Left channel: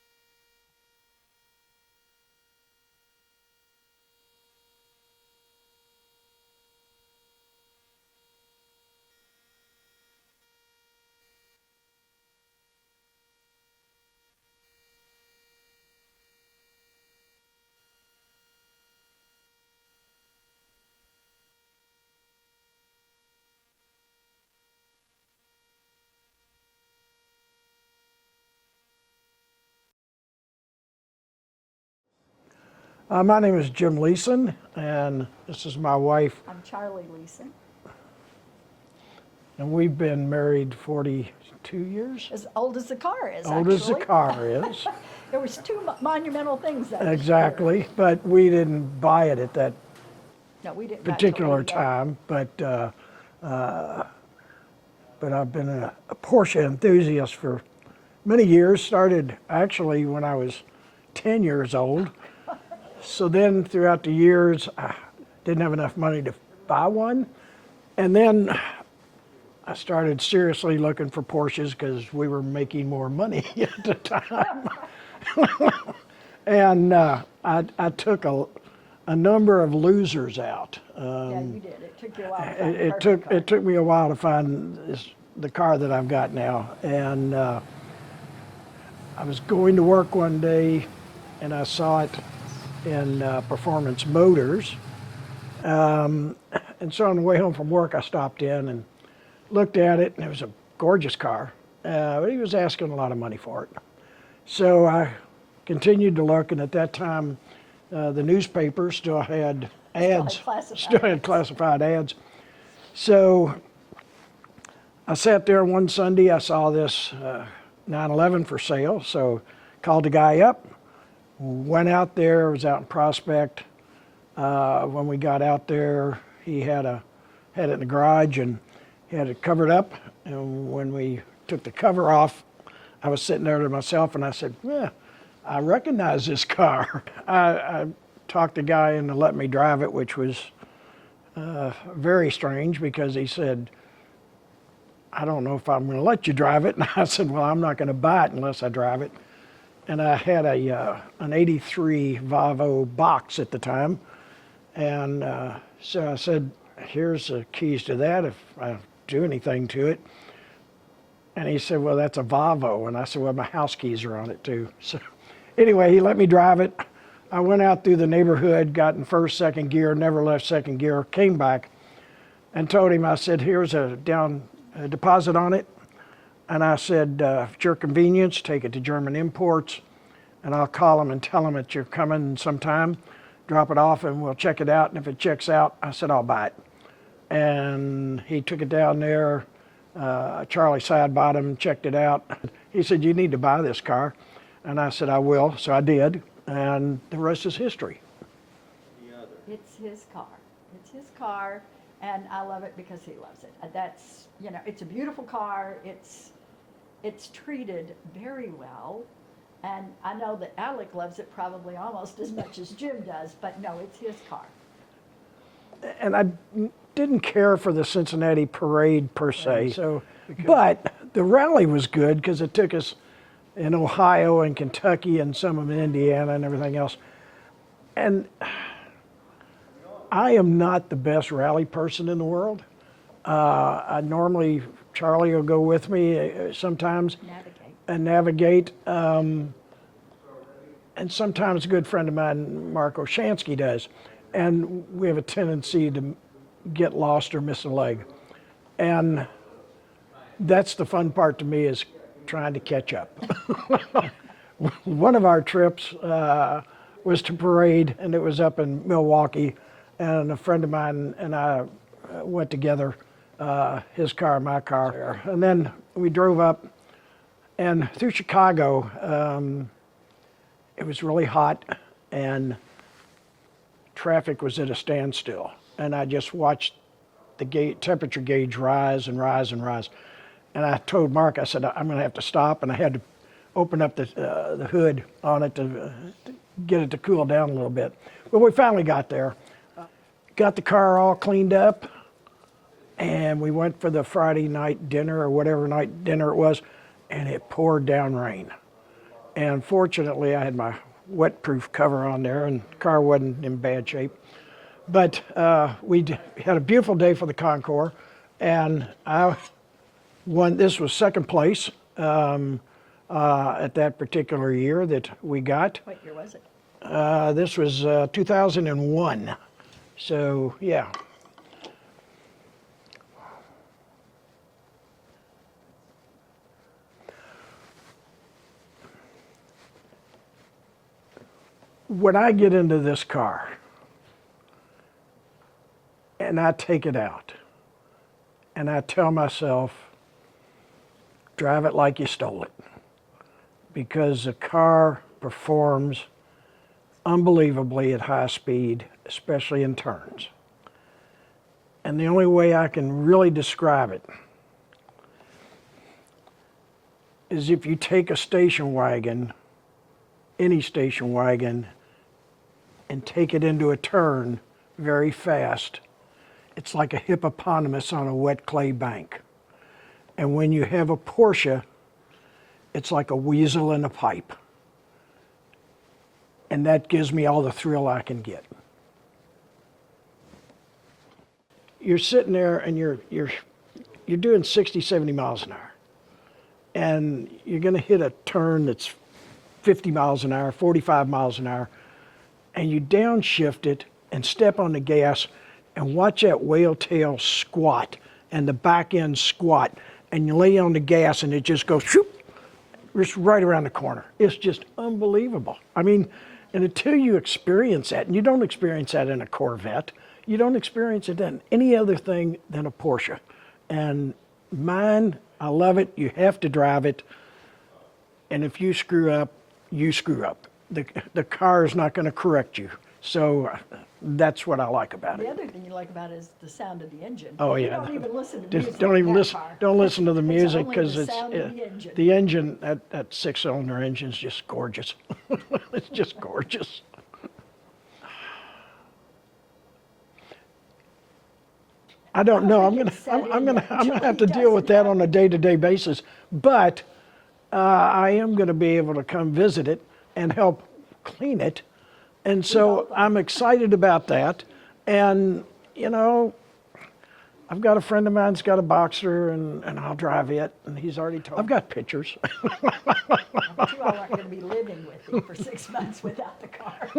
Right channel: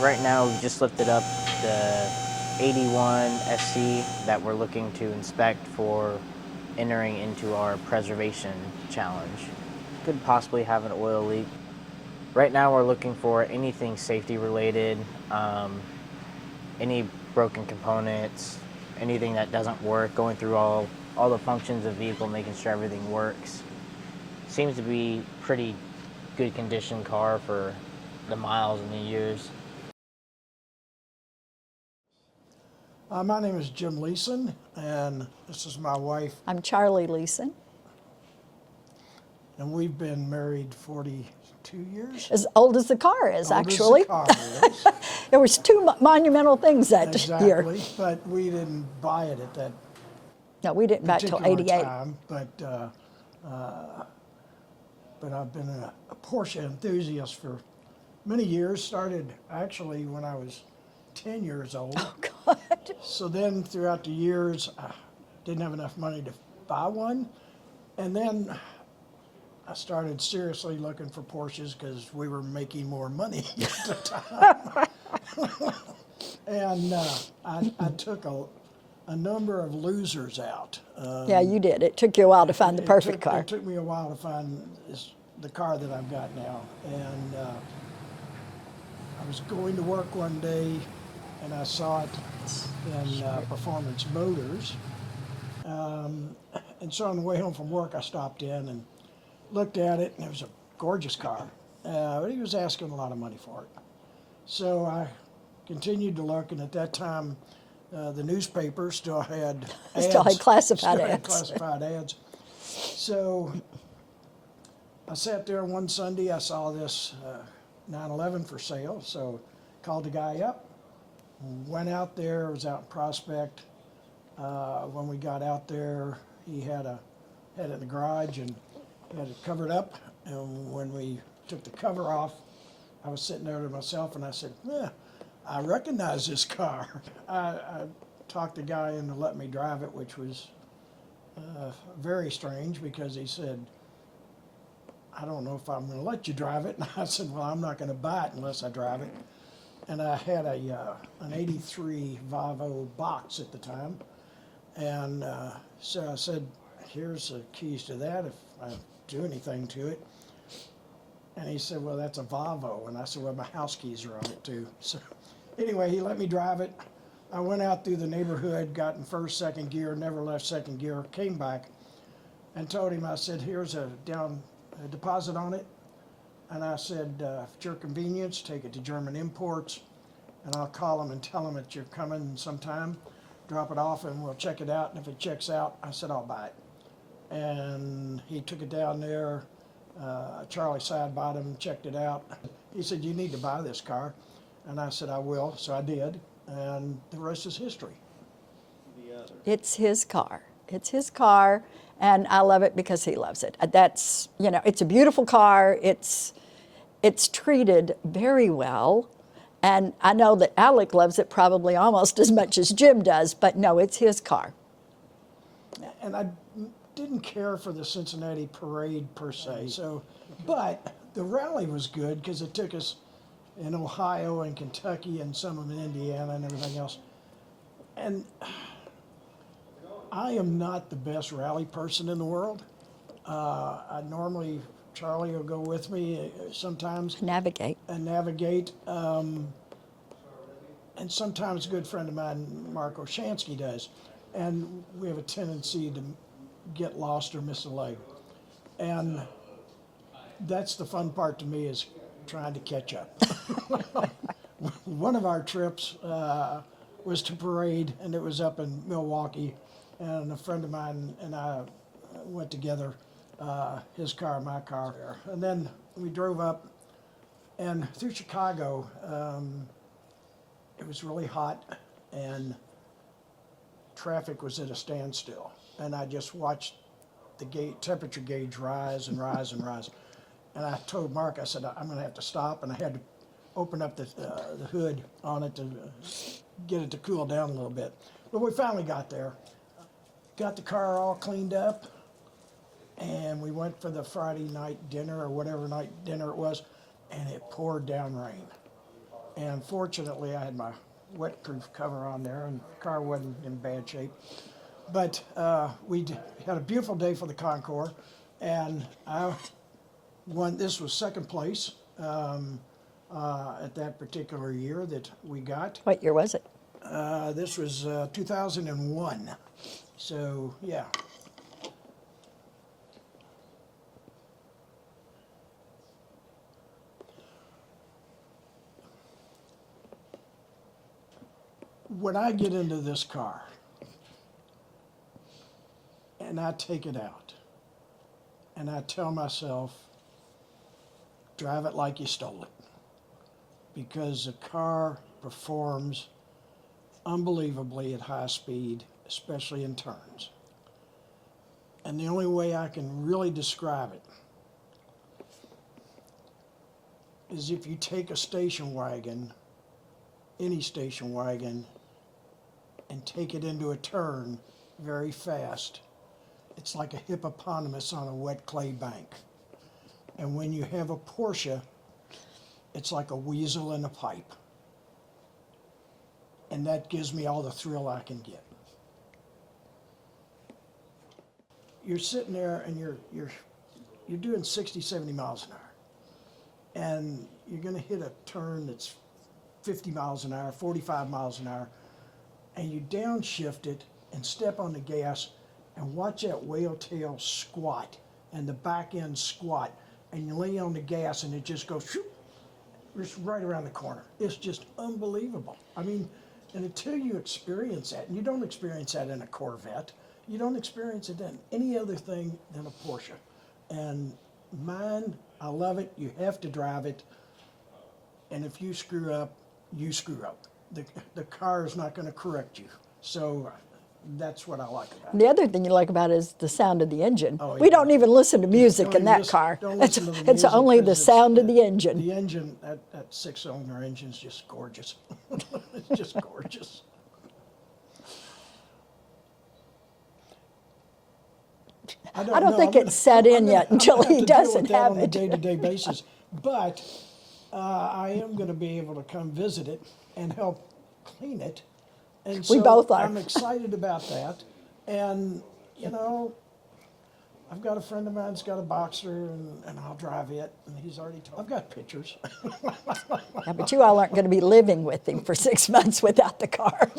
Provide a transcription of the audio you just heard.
Right now, we've just lifted up the 81 SC that we're looking to inspect for entering into our preservation challenge. Could possibly have an oil leak. Right now, we're looking for anything safety related, any broken components, anything that doesn't work, going through all the functions of the vehicle, making sure everything works. Seems to be pretty good condition car for the miles and the years. My name is Jim Leason, and this is my wife. I'm Charlie Leason. And we've been married 42 years. As old as the car is, old actually. Old as the car is. There was two monumental things that year. Exactly, but we didn't buy it at that no, we didn't buy it till particular 88. time. But I've been a Porsche enthusiast for many years. Started actually when I was 10 years old. Oh, God. So then throughout the years, I didn't have enough money to buy one. And then I started seriously looking for Porsches because we were making more money at the time. And I took a number of losers out. Yeah, you did. It took you a while to find the perfect car. It took me a while to find the car that I've got now. And I was going to work one day and I saw it in Performance Motors. And so on the way home from work, I stopped in and looked at it, and it was a gorgeous car. But he was asking a lot of money for it. So I continued to look, and at that time, the newspaper still had ads. Still had classified ads. So I sat there one Sunday, I saw this 911 for sale, so called the guy up, went out there, was out in Prospect. When we got out there, he had it in the garage and he had it covered up. And when we took the cover off, I was sitting there to myself and I said, I recognize this car. I talked the guy into letting me drive it, which was very strange because he said, I don't know if I'm going to let you drive it. And I said, well, I'm not going to buy it unless I drive it. And I had an 83 Volvo box at the time. And so I said, here's the keys to that if I do anything to it. And he said, well, that's a Volvo. And I said, well, my house keys are on it too. So anyway, he let me drive it. I went out through the neighborhood, got in first, second gear, never left second gear, came back and told him, I said, here's a deposit on it. And I said, at your convenience, take it to German Imports, and I'll call them and tell them that you're coming sometime, drop it off, and we'll check it out. And if it checks out, I said, I'll buy it. And he took it down there. Charlie side bottom, checked it out. He said, you need to buy this car. And I said, I will. So I did. And the rest is history. It's his car. It's his car. And I love it because he loves it. That's, it's a beautiful car. It's treated very well. And I know that Alec loves it probably almost as much as Jim does, but no, it's his car. And I didn't care for the Cincinnati parade per se, but the rally was good because it took us in Ohio and Kentucky and some of Indiana and everything else. And I am not the best rally person in the world. I normally, Charlie will go with me sometimes. Navigate. And sometimes a good friend of mine, Mark Oshansky, does. And we have a tendency to get lost or miss a leg. And that's the fun part to me, is trying to catch up. One of our trips was to parade, and it was up in Milwaukee. And a friend of mine and I went together, his car, my car. And then we drove up, and through Chicago, it was really hot, and traffic was at a standstill. And I just watched the temperature gauge rise and rise and rise. And I told Mark, I said, I'm going to have to stop. And I had to open up the hood on it to get it to cool down a little bit. But we finally got there. Got the car all cleaned up, and we went for the Friday night dinner or whatever night dinner it was, and it poured down rain. And fortunately, I had my wet-proof cover on there, and the car wasn't in bad shape. But had a beautiful day for the Concours, and I won. This was second place at that particular year that we got. What year was it? This was 2001. So, yeah. When I get into this car and I take it out and I tell myself, drive it like you stole it, because the car performs unbelievably at high speed, especially in turns. And the only way I can really describe it is if you take a station wagon, any station wagon, and take it into a turn very fast, it's like a hippopotamus on a wet clay bank. And when you have a Porsche, it's like a weasel in a pipe. And that gives me all the thrill I can get. You're sitting there and you're doing 60, 70 miles an hour. And you're gonna hit a turn that's 50 miles an hour, 45 miles an hour, and you downshift it and step on the gas and watch that whale tail squat and the back end squat, and you lay on the gas and it just goes shoop, just right around the corner. It's just unbelievable. I mean, and until you experience that, and you don't experience that in a Corvette, you don't experience it in any other thing than a Porsche. And mine, I love it. You have to drive it. And if you screw up, you screw up. The car is not going to correct you. So that's what I like about it. The other thing you like about it is the sound of the engine. Oh, yeah. We don't even listen to music in that car. Don't listen to the music. It's only the 'cause sound of the engine. The engine, that six-cylinder engine is just gorgeous. It's just gorgeous. I don't know. think it's set in yet until I'm gonna he have to deal with doesn't that have on a it. day-to-day basis. But I am going to be able to come visit it and help clean it. And so both are. I'm excited about that. And, you know, I've got a friend of mine's got a Boxer, and I'll drive it. And he's already told. I've got pictures. Yeah, but you all aren't going to be living with him for 6 months without the car.